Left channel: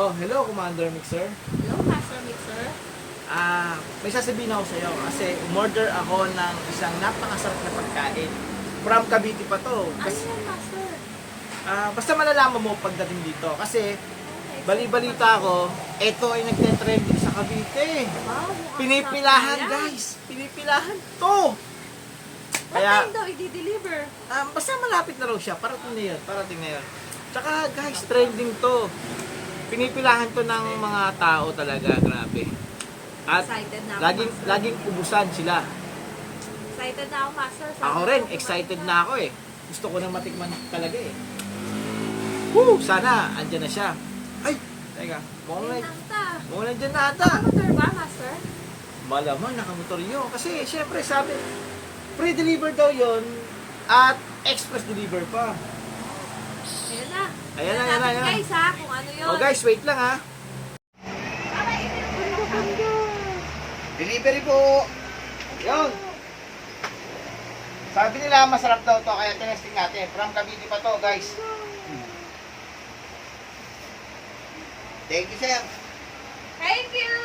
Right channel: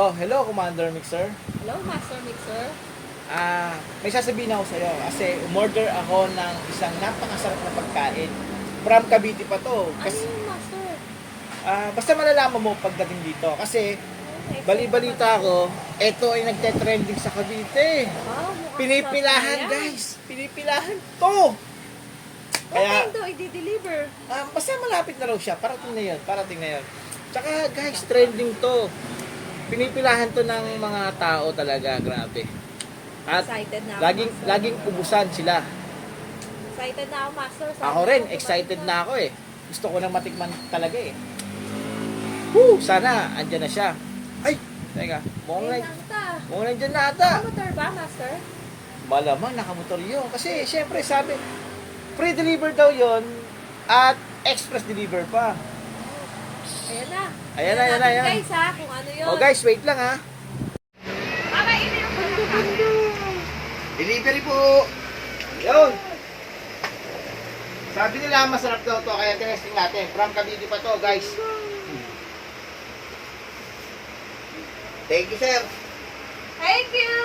Oh, hello, Commander Mixer. Hello, Master Mixer. May sasabihin ako sa'yo kasi umorder ako ng isang napakasarap na pagkain. From Cavite pa to. Ano Kasi, yan, Master? basta malalaman mo pagdating dito. Kasi, Okay, bali-balita ako, ito ay nagte-trending sa Cavite. Wow, mukhang Pinipilahan, sarap na yan. guys. Pinipilahan to. What Kaya, time daw i-deliver? basta malapit na raw siya. Parating na yun. Parating na yun. Tsaka, guys, trending to. Pinipilahan to ng mga tao talaga. Grabe. At Excited na ako, laging Master. laging ubusan sila. Excited na ako, Master. Sana Ako rin, ako excited dumating na ako eh. Gusto ko nang matikman talaga eh. Woo! Sana, andyan na siya. Ay! Teka, Ayun lang ta. mukhang nandyan na ata. Motor ba, Master? Malamang nakamotor yun. Kasi syempre sabi, pre-deliver daw yon at express deliver pa. Ayan na. Ayan na, ayan na, natin, ayan. guys, ha, kung ano yun. Oh guys, wait lang ha. Baba, ininom ko lang, ha. Delivery po. Yun. Sabi nila masarap daw to kaya tinesting natin. From Cavite pa to guys. Thank you sir. Thank you!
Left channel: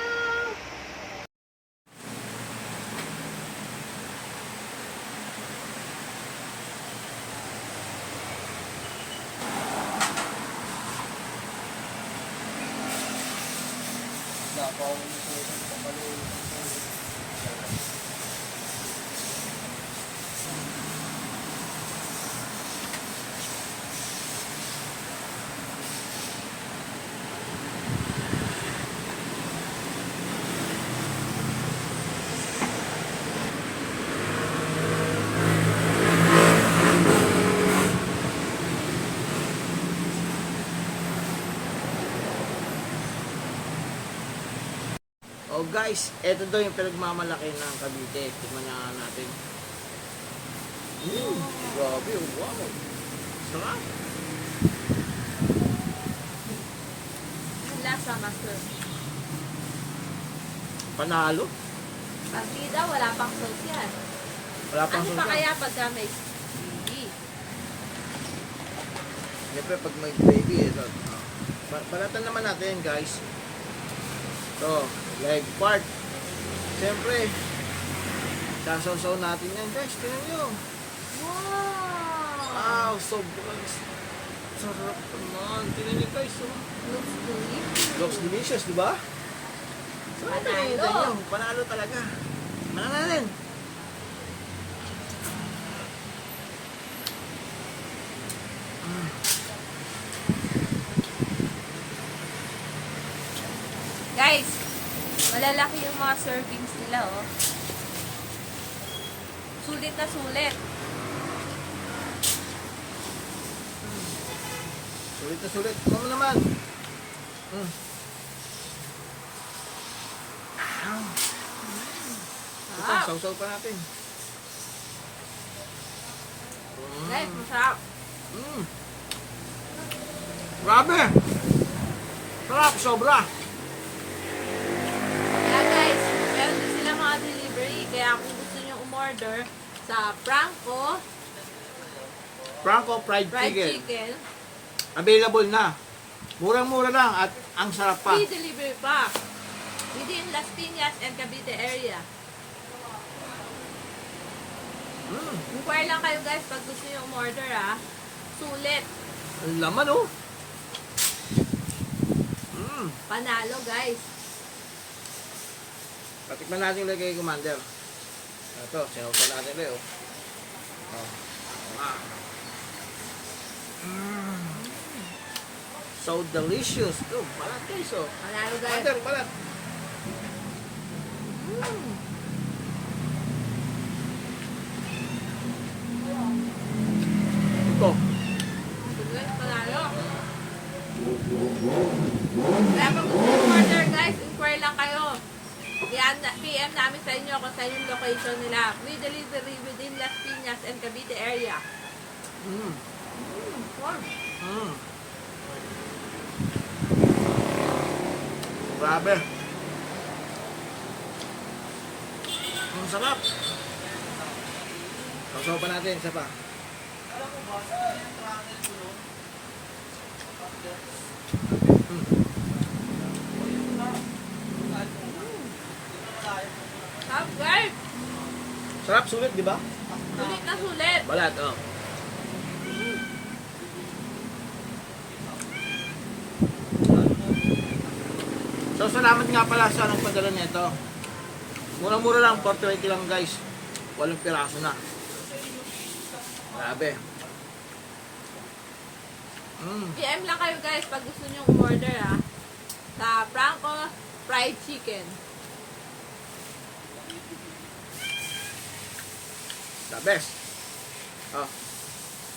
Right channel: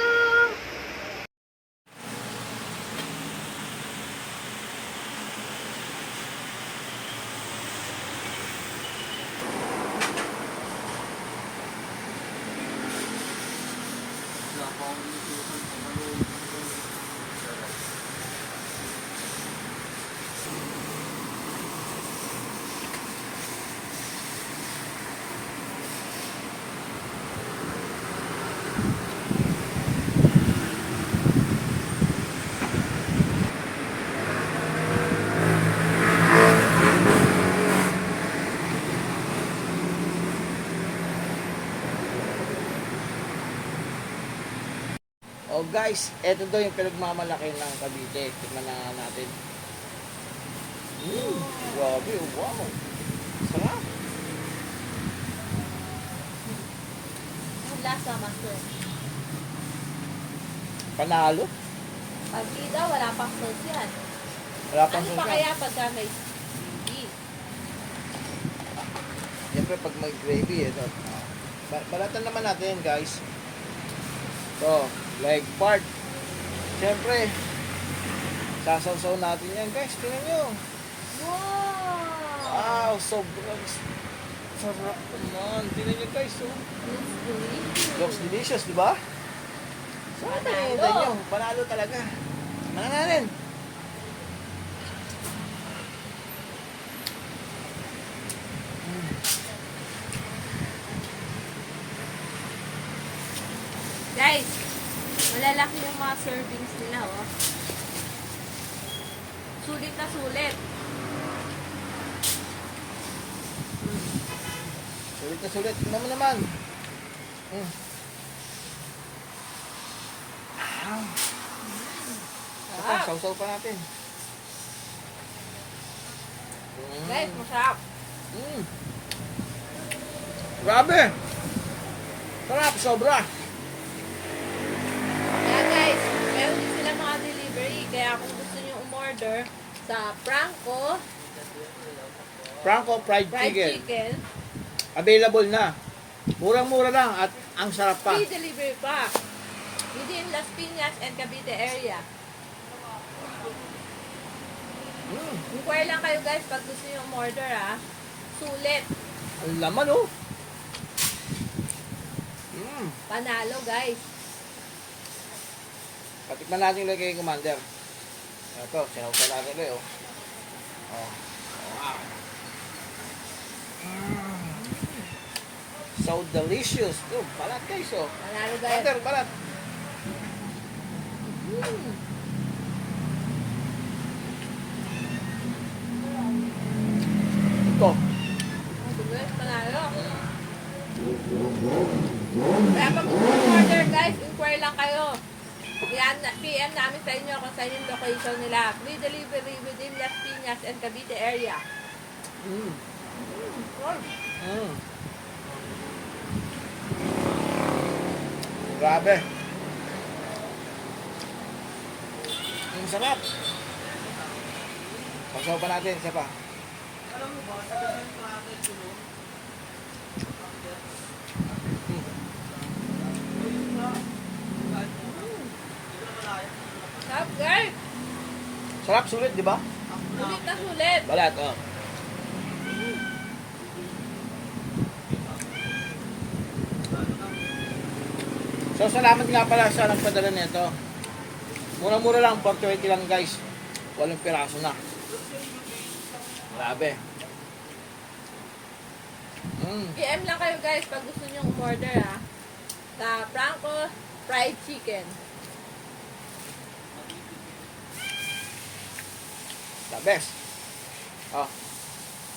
Oh guys, eto daw yung pinagmamalaki ng Cavite. Tignan na natin. Grabe, oh, wow. Sarap. Ang lasa, Master. Panalo. Pagkida, wala pang sauce yan. Wala pang Ano pa susa. kaya pagka may gravy? Siyempre pag may gravy, ito. Balatan naman natin guys. Ito, leg part. Siyempre, sasaw-saw natin yan guys. Tingnan nyo. Wow! Wow, sobrang sarap naman. Tingnan nyo guys. Oh. Looks delicious. Looks delicious, di ba? So, ano Panalo. pinahintay nyo? Panalo talaga. Manananin. Guys, malalaki yung mga servings nila, oh. Sulit na sulit. Sulit na sulit. Ito mo naman. Ito pa, Sarap. sausaw pa natin. Guys, masarap. Grabe! Sarap, sobra. Kaya guys, meron din sila mga delivery. Kaya kung gusto nyo umorder sa Franco Franco Fried Fried Chicken. Chicken, Available na. Murang-mura lang at ang sarap pa. free delivery pa. Within Las Piñas and Cavite area. Inquire lang kayo guys pag gusto nyo umorder, ha. Sulit. Ang laman oh. Panalo guys. Patikman natin ulit kay Commander. Ito, sinausan natin ulit oh. Oh. Wow. So delicious. Oh, balat guys oh. Panalo guys. Commander, balat. Ito. Panalo. Kaya pag gusto nyo umorder guys, inquire lang kayo. PM namin sa inyo kung saan yung location nila. Free delivery within Las Piñas and Cavite area. Warm. Grabe. Ang sarap. Pagsaw pa natin, isa pa. Sarap, sulit, di ba? Sulit na sulit. Balat, oh. So, salamat nga pala sa nagpadala nito. Mura-mura lang, 420 lang guys. 8 piraso na. Grabe. PM lang kayo guys pag gusto nyo umorder ha. Sa Franco Fried Chicken. The best. Oh,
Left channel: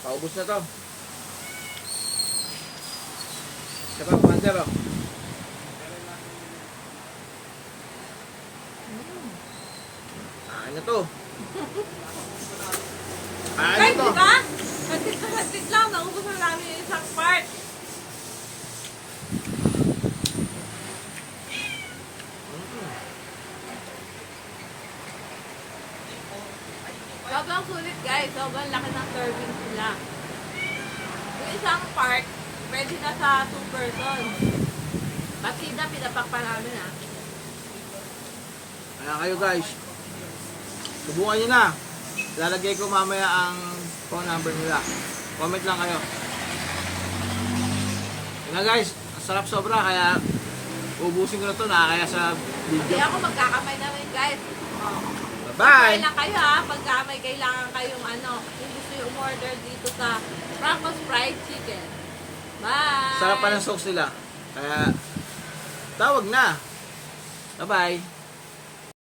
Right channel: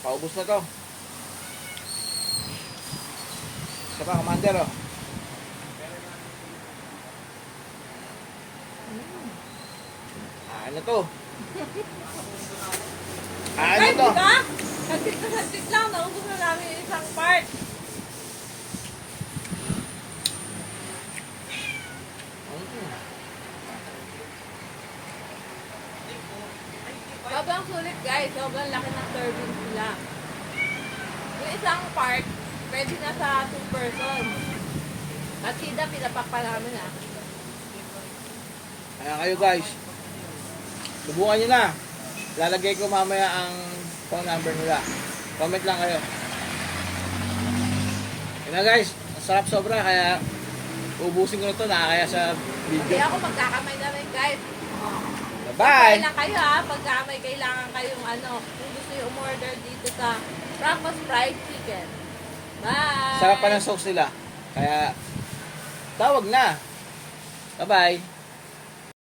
paubos na to. Isa pa, Commander, oh. Ano to? Ano Guys, to? diba? Hagtit lang. Naubos na namin yung isang part. Sobrang sulit guys. Sobrang laki ng serving nila. Yung isang part, pwede na sa 2 person. At sida, pinapak pa namin ha. Kaya kayo guys, subukan nyo na. Lalagay ko mamaya ang phone number nila. Comment lang kayo. Yun na guys, ang sarap sobra kaya ubusin ko na to, nakakaya sa Hindi video. ako magkakamay na rin guys. Bye-bye! Kaya na kayo ha, pagka may kailangan kayong kung gusto nyo umorder dito sa Franco's Fried Chicken. Bye! Sarap pa ng sauce nila. Kaya tawag na. Bye-bye!